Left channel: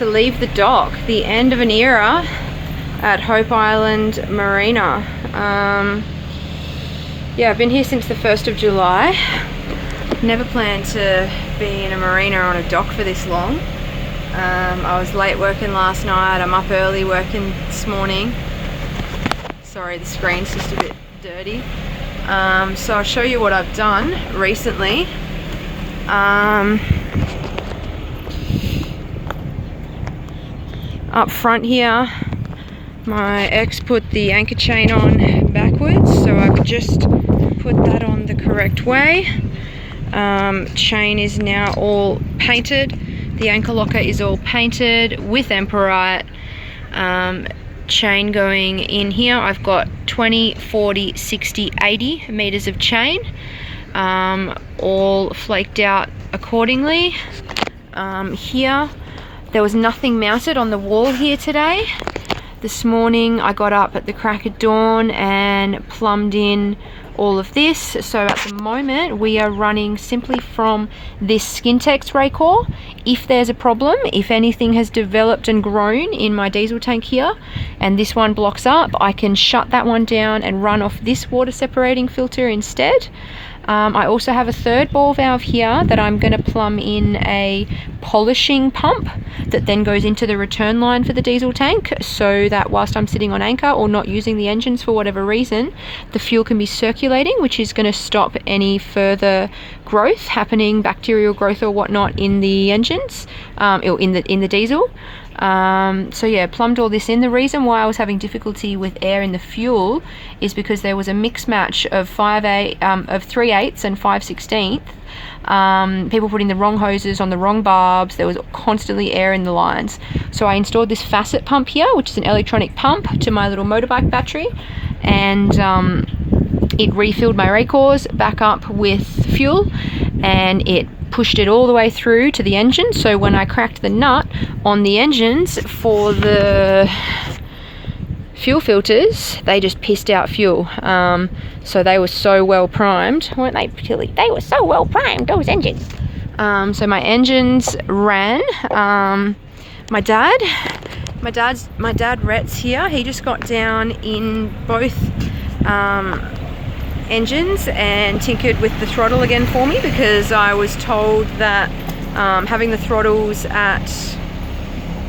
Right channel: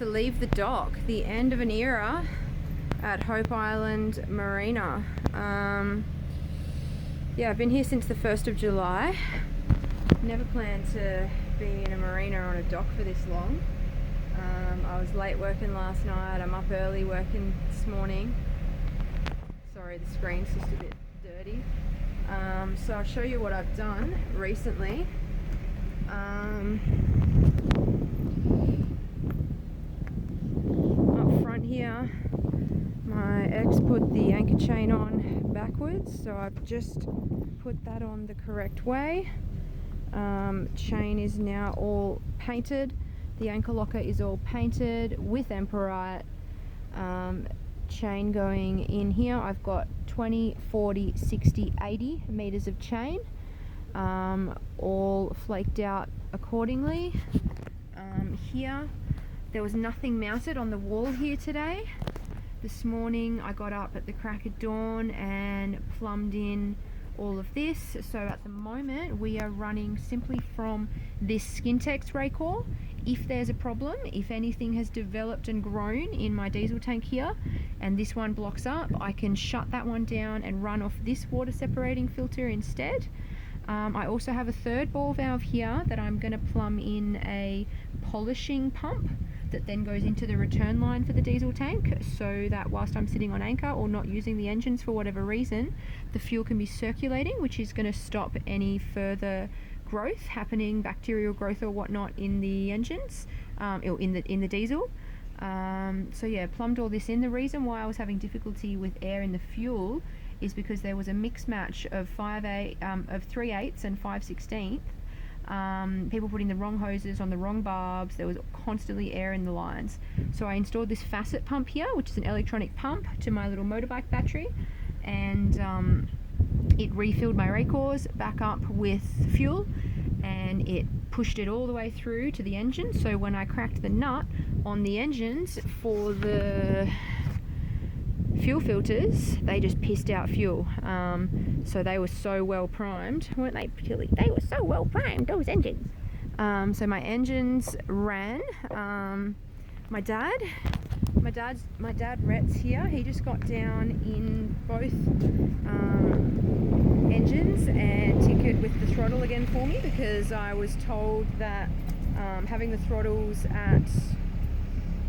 to leave the dock, the end of an era at Hope Island Marina. Yeah, I've been here since the 1st of July. Never planned to be in a marina on a dock for this long. I was late working last night, I'm up early working this morning. Sorry, the screen's just a bit dirty. So I'll show you what I've done recently. Up front here, my ex put the anchor chain on backwards, so I've just put that on the correct way. Chain is now all painted. The anchor locker is all painted with Emperite. Chain going in here. I've got 20, 40, 60, 80 meters of chain, all flaked out accordingly. Here, there was nothing mounted on the wall here today. This morning I got up at the crack of dawn and plumbed in all of this. So at the moment we are running simply from this Skintex Raycore. If there's a problem, if anything has developed and grown in my diesel tank here and this one blocks up, I can shut that one down and run off this water separating filter instead. I also have a third ball valve here that I'm going to plumb in a polishing pump that then goes into the return line for the diesel tank, so that whilst I'm sitting on anchor or not using the engines for whatever reason, the fuel can be circulating, which is going to stop any further growth happening, bacterial growth or whatnot in the engines, or in the diesel. So yeah, plumbed all this in. The reason why I was having difficulty with air in the fuel is because there was a mix match of 3/8 and 5/16. People putting the wrong hoses on the wrong barbs. There was constantly air in the lines. So I installed this facet pump here, which is an electronic pump to my little motorbike battery, and it refilled my Raycores back up with fuel, and it pushed it all the way through to the engine. So when I cracked the nut on the engines for the fuel filters, they just pissed out fuel. So they were so well primed, weren't they, Tilly? They were so well primed, those engines. So my engines ran. My dad Rhett's here. He just got down in both engines and tinkered with the throttle again for me, because I was told that having the throttles at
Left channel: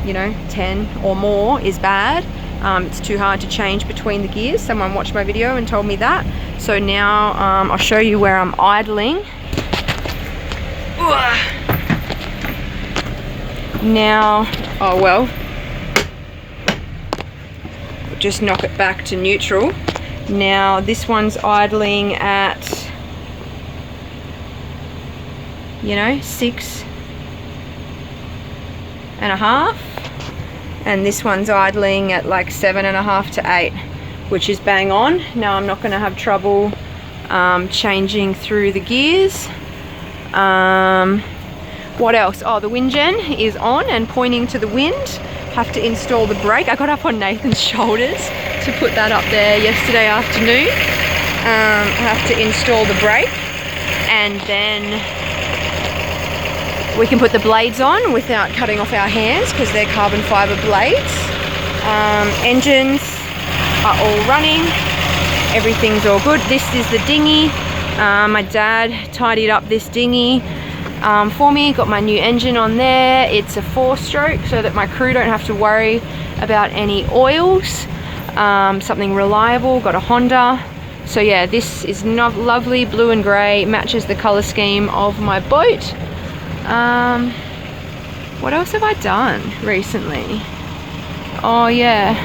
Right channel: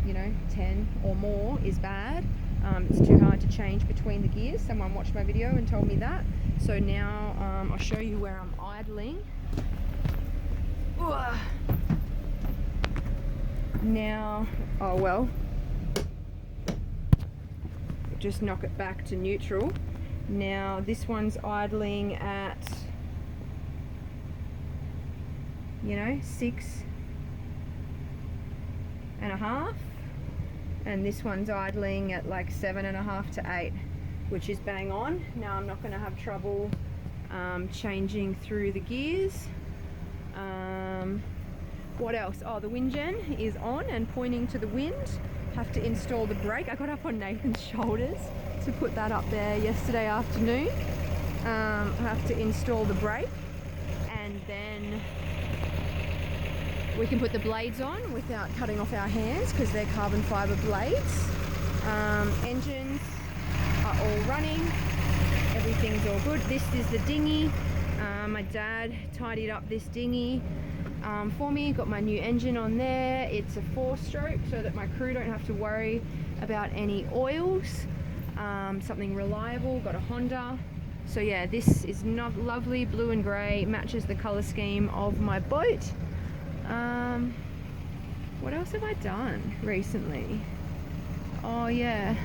10 or more is bad. It's too hard to change between the gears. Someone watched my video and told me that. So now I'll show you where I'm idling. Now, oh well, just knock it back to neutral. Now this one's idling at 6.5, and this one's idling at like 7.5 to 8, which is bang on. Now I'm not going to have trouble changing through the gears. What else? Oh, the wind gen is on and pointing to the wind. Have to install the brake. I got up on Nathan's shoulders to put that up there yesterday afternoon. I have to install the brake, and then we can put the blades on without cutting off our hands because they're carbon fiber blades. Engines are all running. Everything's all good. This is the dinghy. My dad tidied up this dinghy for me. Got my new engine on there. It's a 4-stroke so that my crew don't have to worry about any oils. Something reliable. Got a Honda. So yeah, this is lovely blue and grey, matches the colour scheme of my boat. What else have I done recently? Oh yeah,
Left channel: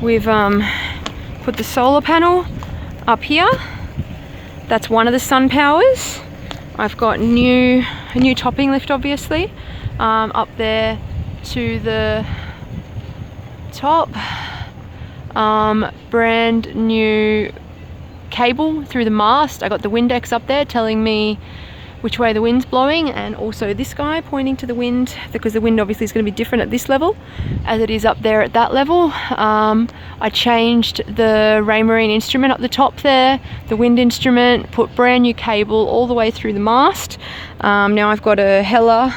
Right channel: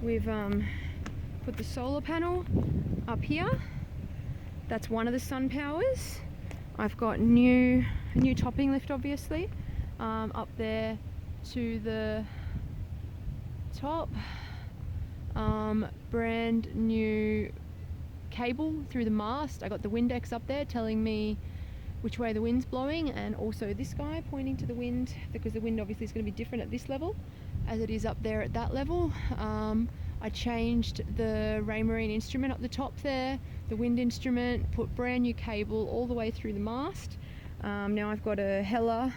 we've put the solar panel up here. That's one of the sun powers. I've got a new topping lift, obviously, up there to the top. Brand new cable through the mast. I got the Windex up there telling me which way the wind's blowing, and also this guy pointing to the wind, because the wind obviously is going to be different at this level as it is up there at that level. I changed the Raymarine instrument up the top there, the wind instrument, put brand new cable all the way through the mast. Now I've got a Hella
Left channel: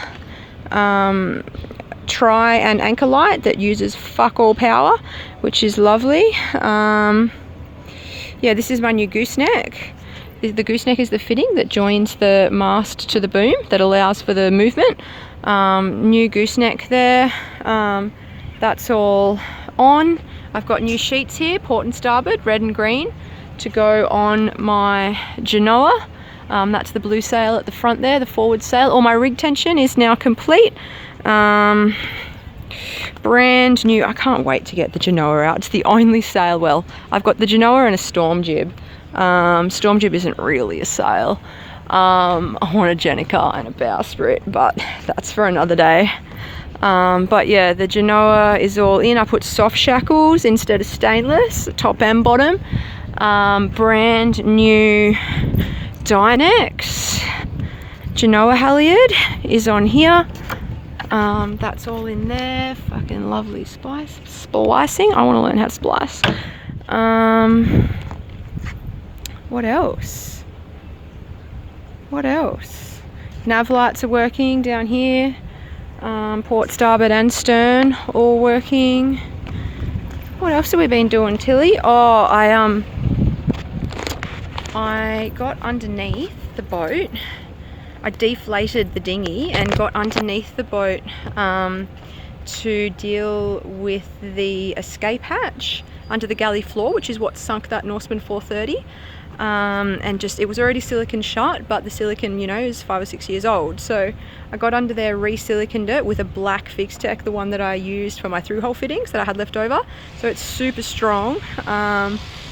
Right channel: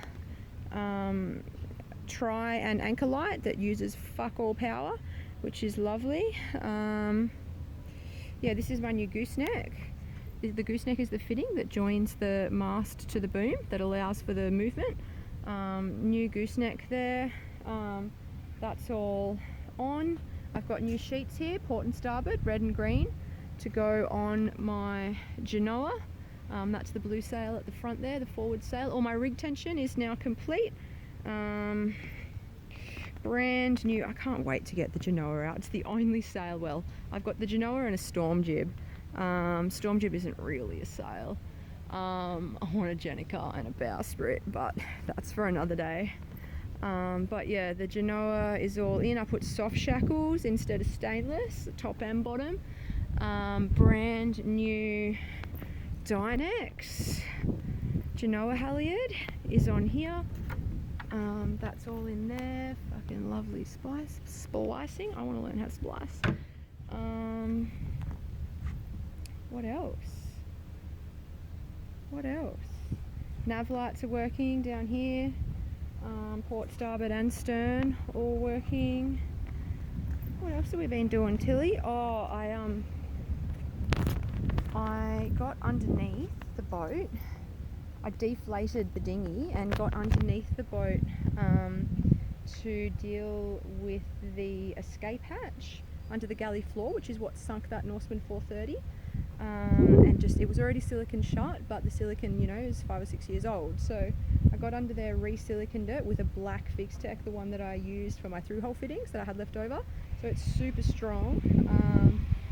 tri and anchor light that uses fuck all power, which is lovely. Yeah, this is my new gooseneck. The gooseneck is the fitting that joins the mast to the boom that allows for the movement. New gooseneck there. That's all on. I've got new sheets here, port and starboard, red and green, to go on my Genoa. That's the blue sail at the front there, the forward sail. All my rig tension is now complete. Brand new. I can't wait to get the Genoa out. It's the only sail. Well, I've got the Genoa and a storm jib. Storm jib isn't really a sail. I want a Jenica and a bowsprit, but that's for another day. But yeah, the Genoa is all in. I put soft shackles instead of stainless, top and bottom. Brand new Dynex Genoa halyard is on here. That's all in there. Fucking lovely splicing. I want to learn how to splice. What else? Nav lights are working down here. Port, starboard and stern all working. What else have we been doing, Tilly? Oh, I got underneath the boat. I deflated the dinghy and got underneath the boat to deal with the escape hatch under the galley floor, which is what sunk that Norseman 430. And just, it was already silicon shut, but the silicon, you know, is 5 or 6 years old. So I got under there, re-siliconed it with a black Fixtech, the one that I used for my through-hole fittings that I had left over. So it's super strong.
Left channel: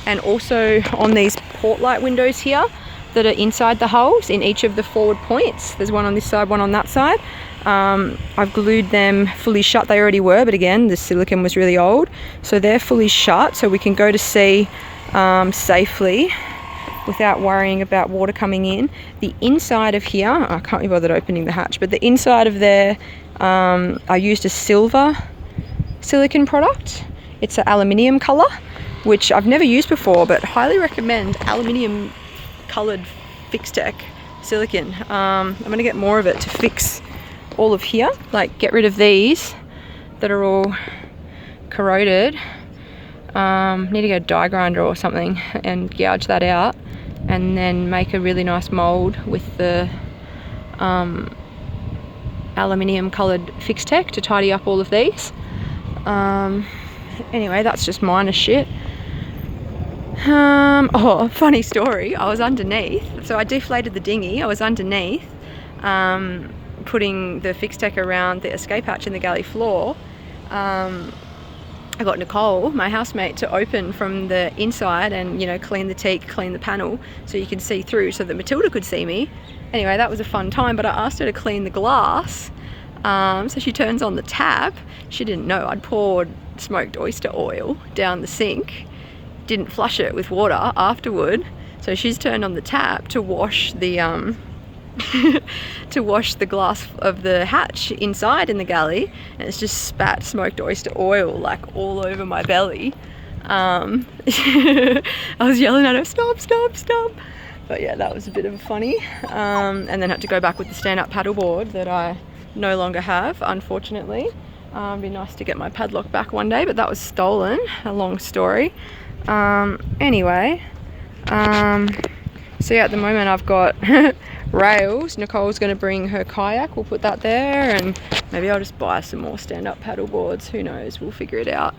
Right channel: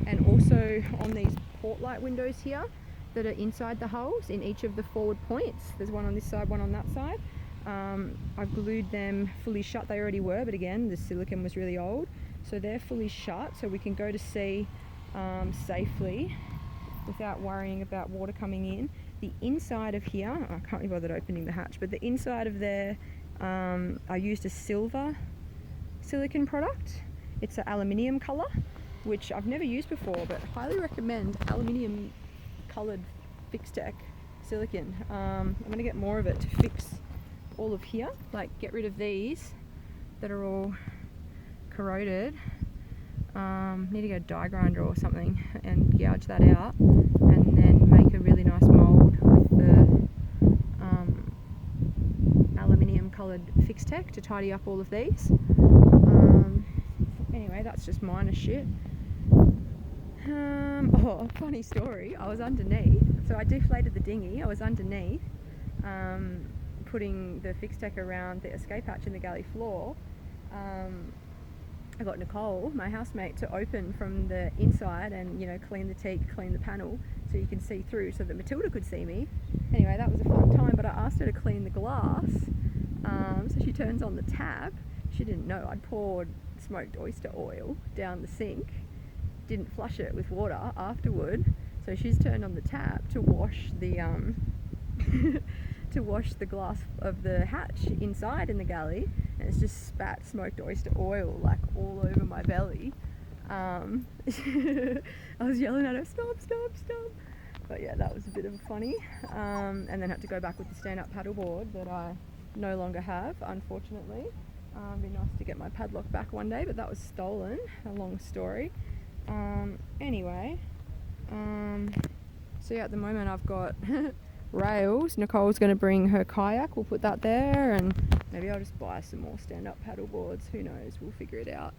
And also on these port light windows here that are inside the hulls in each of the forward points. There's one on this side, one on that side. I've glued them fully shut. They already were, but again, the silicon was really old. So they're fully shut, so we can go to sea safely without worrying about water coming in. The inside of here, I can't be bothered opening the hatch, but the inside of there, I used a silver silicon product. It's an aluminium color, which I've never used before, but highly recommend aluminium colored Fixtech silicon. I'm gonna get more of it to fix all of here, like get rid of these that are all corroded. Need to get a die grinder or something and gouge that out, and then make a really nice mold with the aluminium coloured Fixtech to tidy up all of these. Anyway, that's just minor shit. Oh, funny story. I was underneath, so I deflated the dinghy. I was underneath putting the Fixtech around the escape hatch in the galley floor. I got Nicole, my housemate, to open from the inside and, you know, clean the teak, clean the panel so you can see through, so that Matilda could see me. Anyway, that was a fun time, but I asked her to clean the glass. So she turns on the tap. She didn't know I'd poured smoked oyster oil down the sink. Didn't flush it with water afterward. So she's turned on the tap to wash the to wash the glass of the hatch inside in the galley, and it's just spat smoked oyster oil like all over my belly. I was yelling at her, stop, stop, stop. But yeah, that was a bit of a funny. And then had to go back with the stand-up paddleboard that I no longer have, unfortunately. It'd be nice to get my padlock back one day, but that was stolen. A long story. Anyway, so yeah, at the moment I've got rails. Nicole's going to bring her kayak. We'll put that there, and maybe I'll just buy some more stand-up paddle boards. Who knows? We'll figure it out.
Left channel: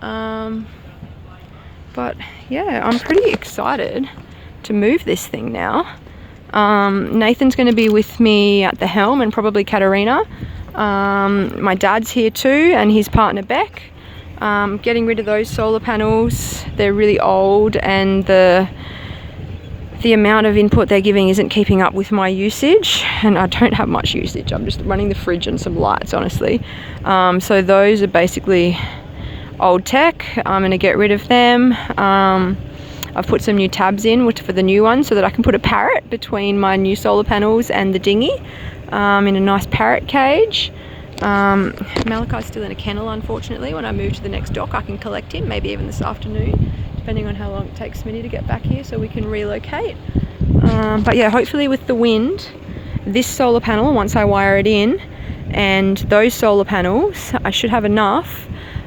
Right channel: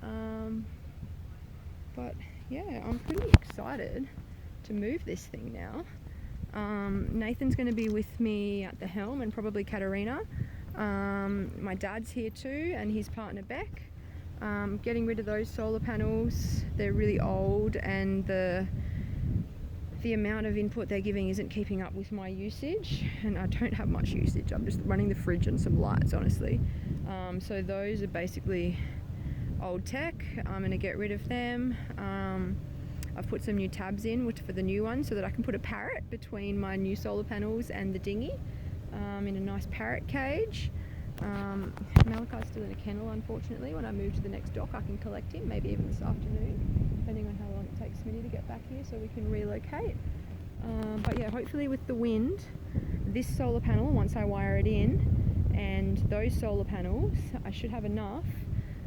But yeah, I'm pretty excited to move this thing now. Nathan's going to be with me at the helm, and probably Katarina. My dad's here too, and his partner Beck. Getting rid of those solar panels. They're really old, and the amount of input they're giving isn't keeping up with my usage, and I don't have much usage. I'm just running the fridge and some lights, honestly. So those are basically old tech. I'm going to get rid of them. I've put some new tabs in for the new one so that I can put a parrot between my new solar panels and the dinghy in a nice parrot cage. Malachi's still in a kennel, unfortunately. When I move to the next dock, I can collect him, maybe even this afternoon, depending on how long it takes Smitty to get back here so we can relocate. But yeah, hopefully with the wind, this solar panel, once I wire it in, and those solar panels, I should have enough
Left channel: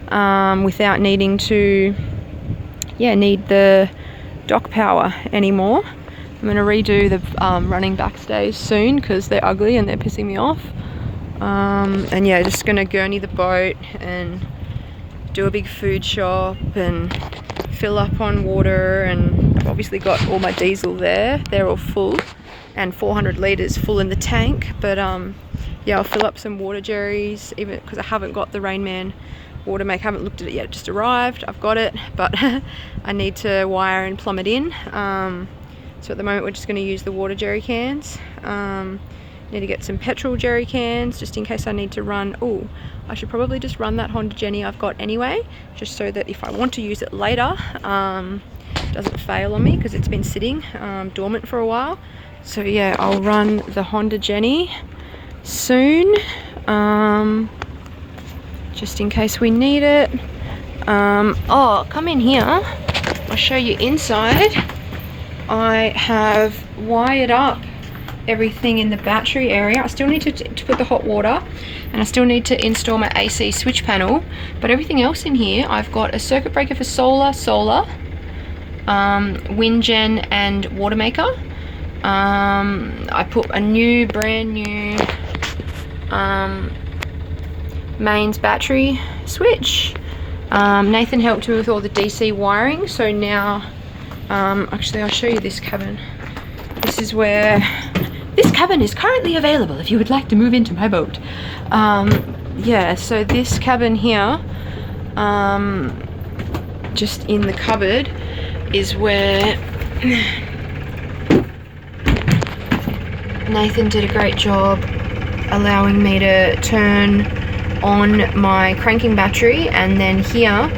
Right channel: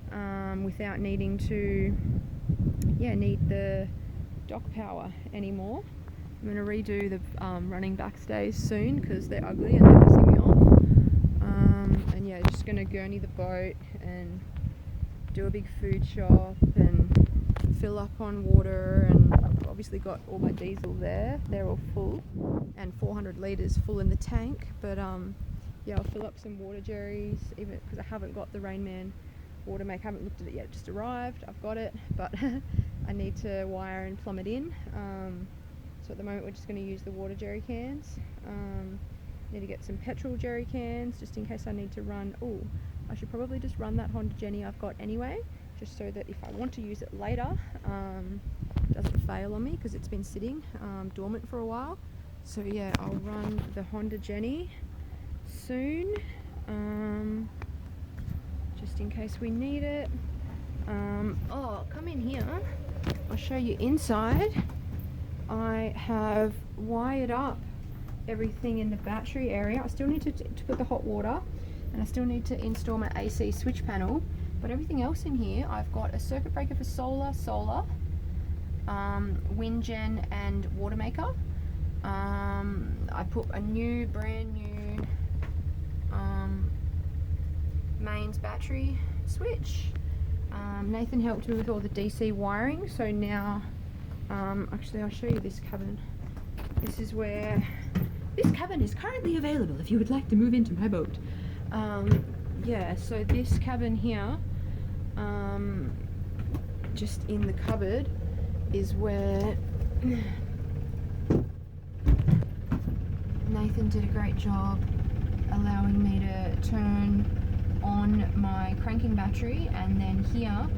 without needing to need the dock power anymore. I'm going to redo the running backstays soon because they're ugly and they're pissing me off. And yeah, just going to gurney the boat and do a big food shop and fill up on water, and I've obviously got all my diesel there. They're all full and 400 litres full in the tank, but yeah, I'll fill up some water jerrys, even because I haven't got the Rainman water make. I haven't looked at it yet, it just arrived. I've got it, but I need to wire and plumb it in. So at the moment we're just going to use the water jerry cans. Need to get some petrol jerry cans just in case I need to run. Oh, I should probably just run that Honda Jenny I've got anyway, just so that if I want to use it later, it doesn't fail on me because it's been sitting dormant for a while. So yeah, I'll run the Honda Jenny soon, just in case we need it. Oh, come in here, I'll show you inside. I have wired up everything in the battery area. I still need to put the hot water, and I still need to install my AC switch panel, but everything else in here, I've got a circuit breaker for solar, wind gen and water maker. I put a brand new mains battery switch. Nathan helped me with all the DC wiring, so now actually I'll show you this cabin. This is where this cabin is currently available if you would like to move into my boat. Yeah, so this cabin here, just in the cupboard, is where Nathan did a great job allowing me to turn on my cranking battery, and then here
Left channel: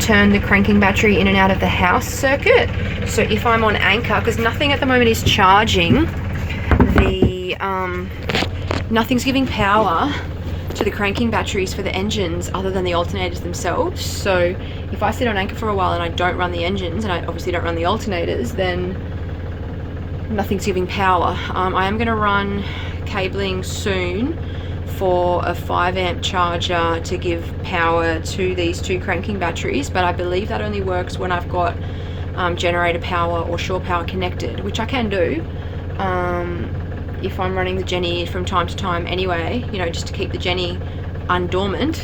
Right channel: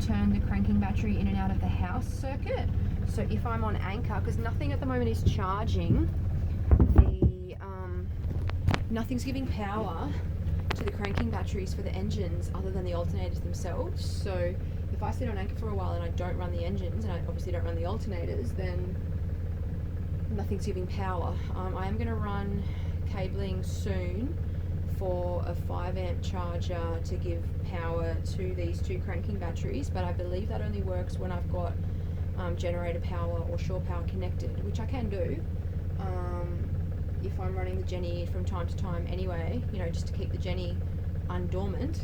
turn the cranking battery in and out of the house circuit. So if I'm on anchor, because nothing at the moment is charging, nothing's giving power to the cranking batteries for the engines other than the alternators themselves. So if I sit on anchor for a while and I don't run the engines, and I obviously don't run the alternators, then nothing's giving power. I am going to run cabling soon for a 5 amp charger to give power to these two cranking batteries, but I believe that only works when I've got generator power or shore power connected, which I can do if I'm running the Jenny from time to time anyway, you know, just to keep the Jenny undormant.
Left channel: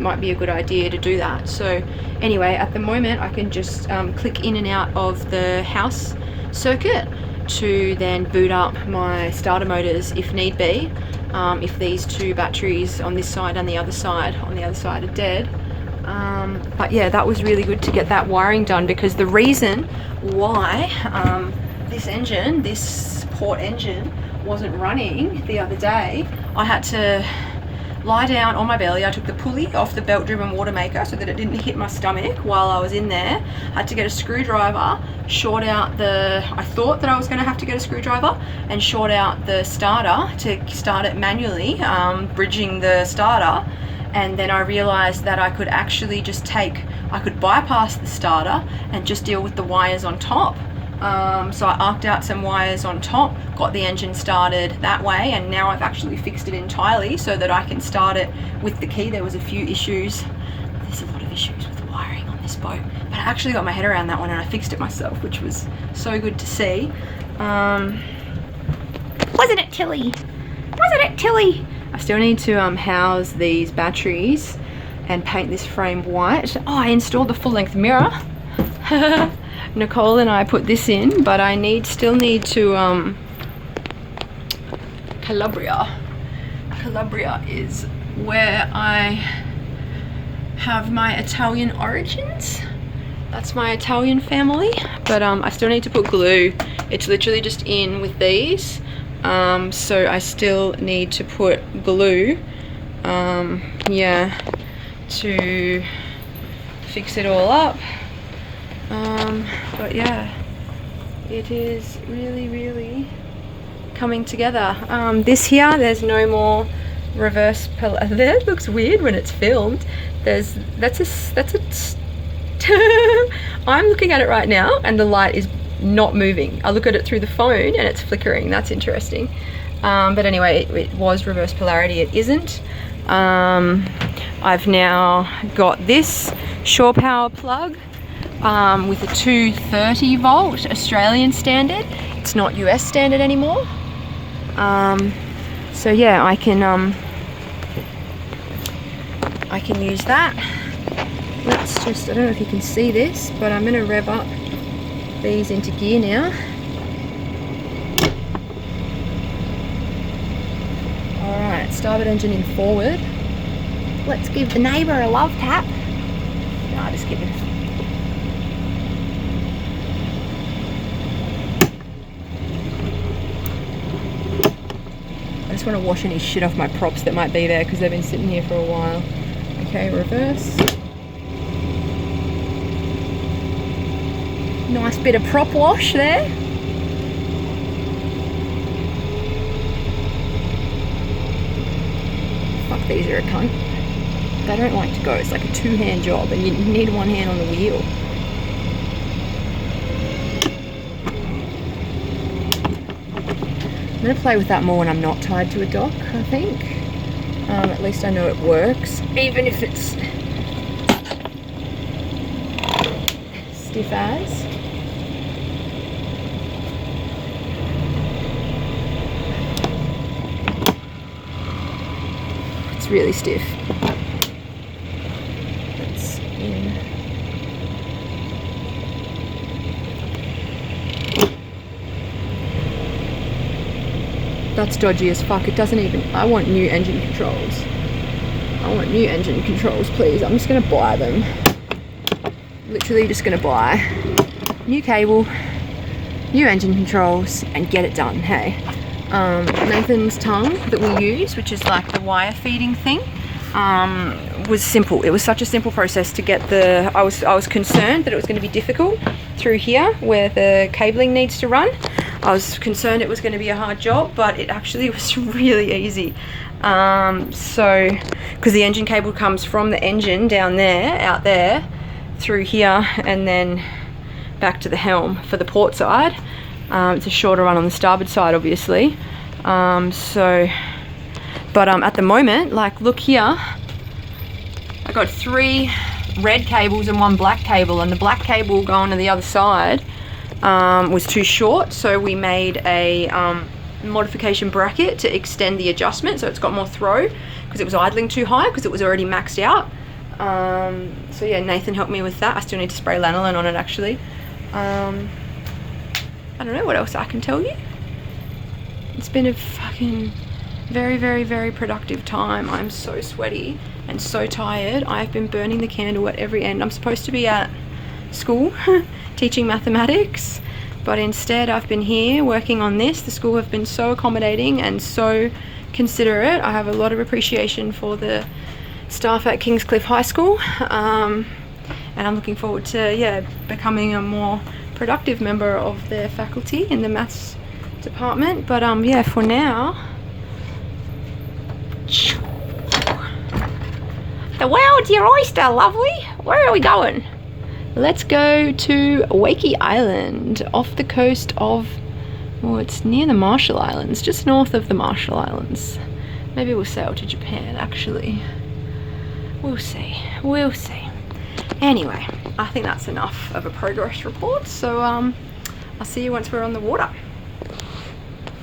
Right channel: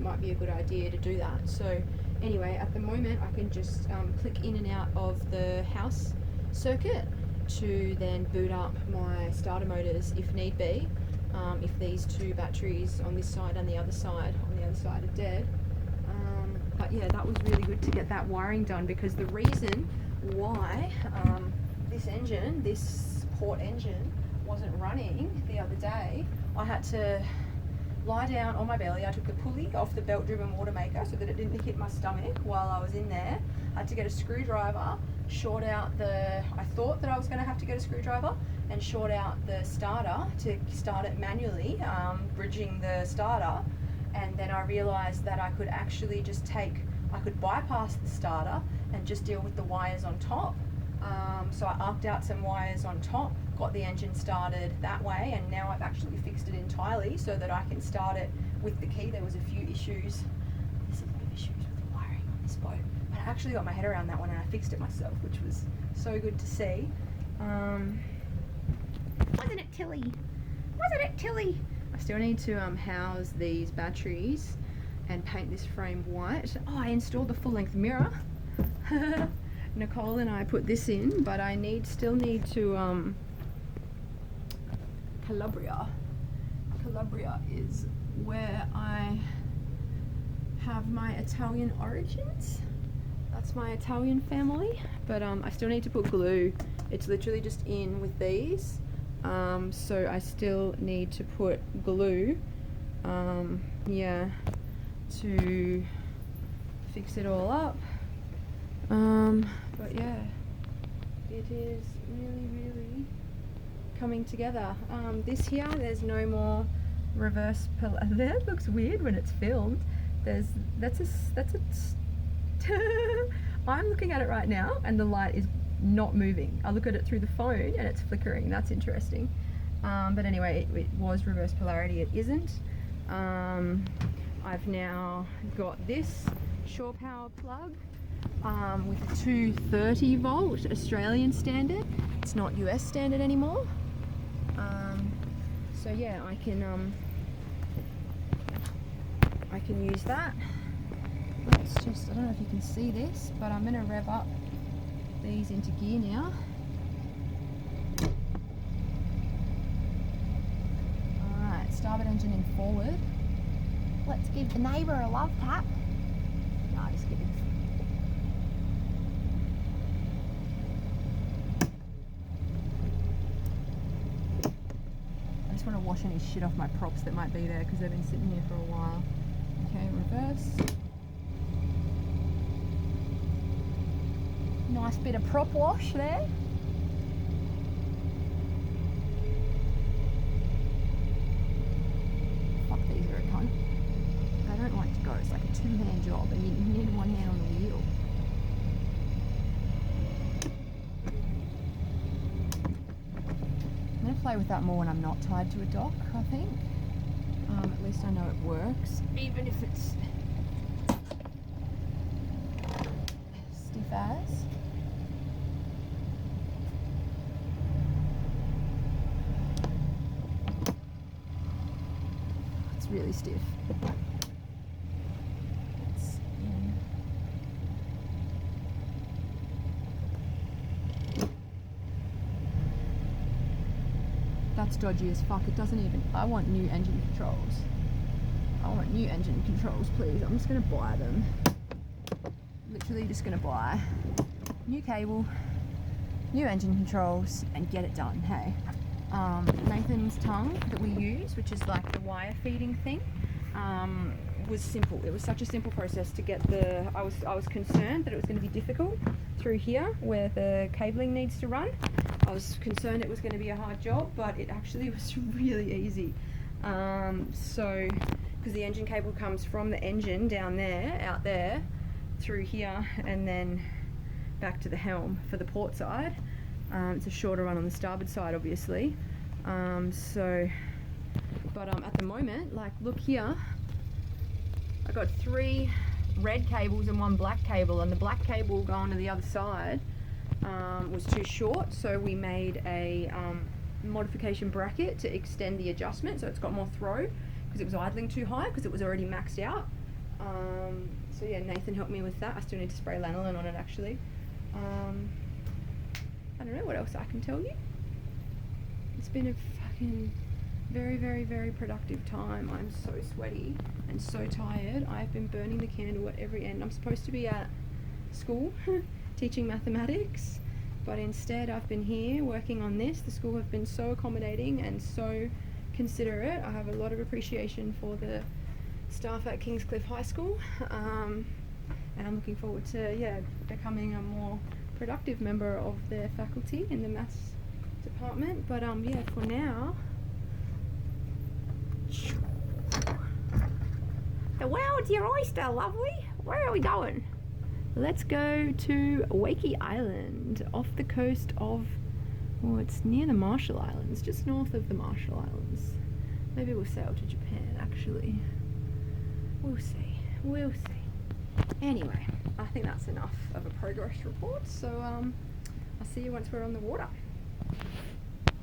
Might be a good idea to do that. So anyway, at the moment I can just click in and out of the house circuit to then boot up my starter motors if need be, if these two batteries on this side and the other side are dead. But yeah, that was really good to get that wiring done, because the reason why this port engine wasn't running the other day, I had to lie down on my belly. I took the pulley off the belt driven water maker so that it didn't hit my stomach while I was in there. I had to get a screwdriver, short out I thought that I was going to have to get a screwdriver and short out the starter to start it manually, bridging the starter. And then I realized that I could actually I could bypass the starter and just deal with the wires on top. So I arced out some wires on top, got the engine started that way, and now I've actually fixed it entirely so that I can start it with the key. There was a few issues. There's a lot of issues with the wiring on this boat, but I actually got my head around that one and I fixed it myself, which was so good to see. Wasn't it, Tilly? Wasn't it, Tilly? I still need to house these batteries and paint this frame white. Oh, I installed the full-length mirror. Nicole and I put this in, but I still need to Calabria is where I have my Italian origins. That's my Italian family, but I still need to put glue. It's literally just in with these, so I still need to put glue, yeah, to fix it all up. But yeah, it is really coming together. This here, there's no more reverse that looks weird when it's filmed. That's a I'm looking at it right now and the light is not moving. I look at it through the phone and it's flickering. That's interesting. But anyway, it was reverse polarity. It isn't. I've now got this shore power plug with a 230 volt Australian standard. It's not US standard anymore. So yeah, I can use that. Let's just, I don't know if you can see this, but I'm going to rev up these into gear now. Alright, starboard engine in forward. Let's give the neighbour a love tap. No, just give it. I just want to wash any shit off my props that might be there because they've been sitting here for a while. Okay, reverse. Nice bit of prop wash there. Fuck, these are a cunt. They don't like to go. It's like a two-hand job and you need one hand on the wheel. I'm going to play with that more when I'm not tied to a dock, I think. At least I know it works, even if it's stiff as. It's really stiff. That's in. That's dodgy as fuck. It doesn't even... I want new engine controls. I want new engine controls, please. I'm just going to buy them. Literally just going to buy new cable, new engine controls, and get it done, hey. Nathan's tongue that we use, which is like the wire feeding thing, was simple. It was such a simple process to get the... I was concerned that it was going to be difficult through here where the cabling needs to run. I was concerned it was going to be a hard job, but it actually was really easy. So, because the engine cable comes from the engine down there, out there, through here, and then back to the helm for the port side. It's a shorter run on the starboard side, obviously. At the moment, like, look here, I got 3 red cables and 1 black cable, and the black cable going to the other side was too short, so we made a modification bracket to extend the adjustment so it's got more throw, because it was idling too high because it was already maxed out. So yeah, Nathan helped me with that. I still need to spray lanolin on it actually. I don't know what else I can tell you. It's been a fucking very productive time. I'm so sweaty and so tired. I've been burning the candle at every end. I'm supposed to be at school teaching mathematics, but instead I've been here working on this. The school have been so accommodating and so considerate. I have a lot of appreciation for the staff at Kingscliff High School, and I'm looking forward to becoming a more productive member of their faculty in the maths department. But yeah, for now, the world's your oyster, lovely. Where are we going? Let's go to Wakey Island, off the coast of, well, it's near the Marshall Islands, just north of the Marshall Islands. Maybe we'll sail to Japan, actually. We'll see. Anyway, I think that's enough of a progress report, so I'll see you once we're on the water.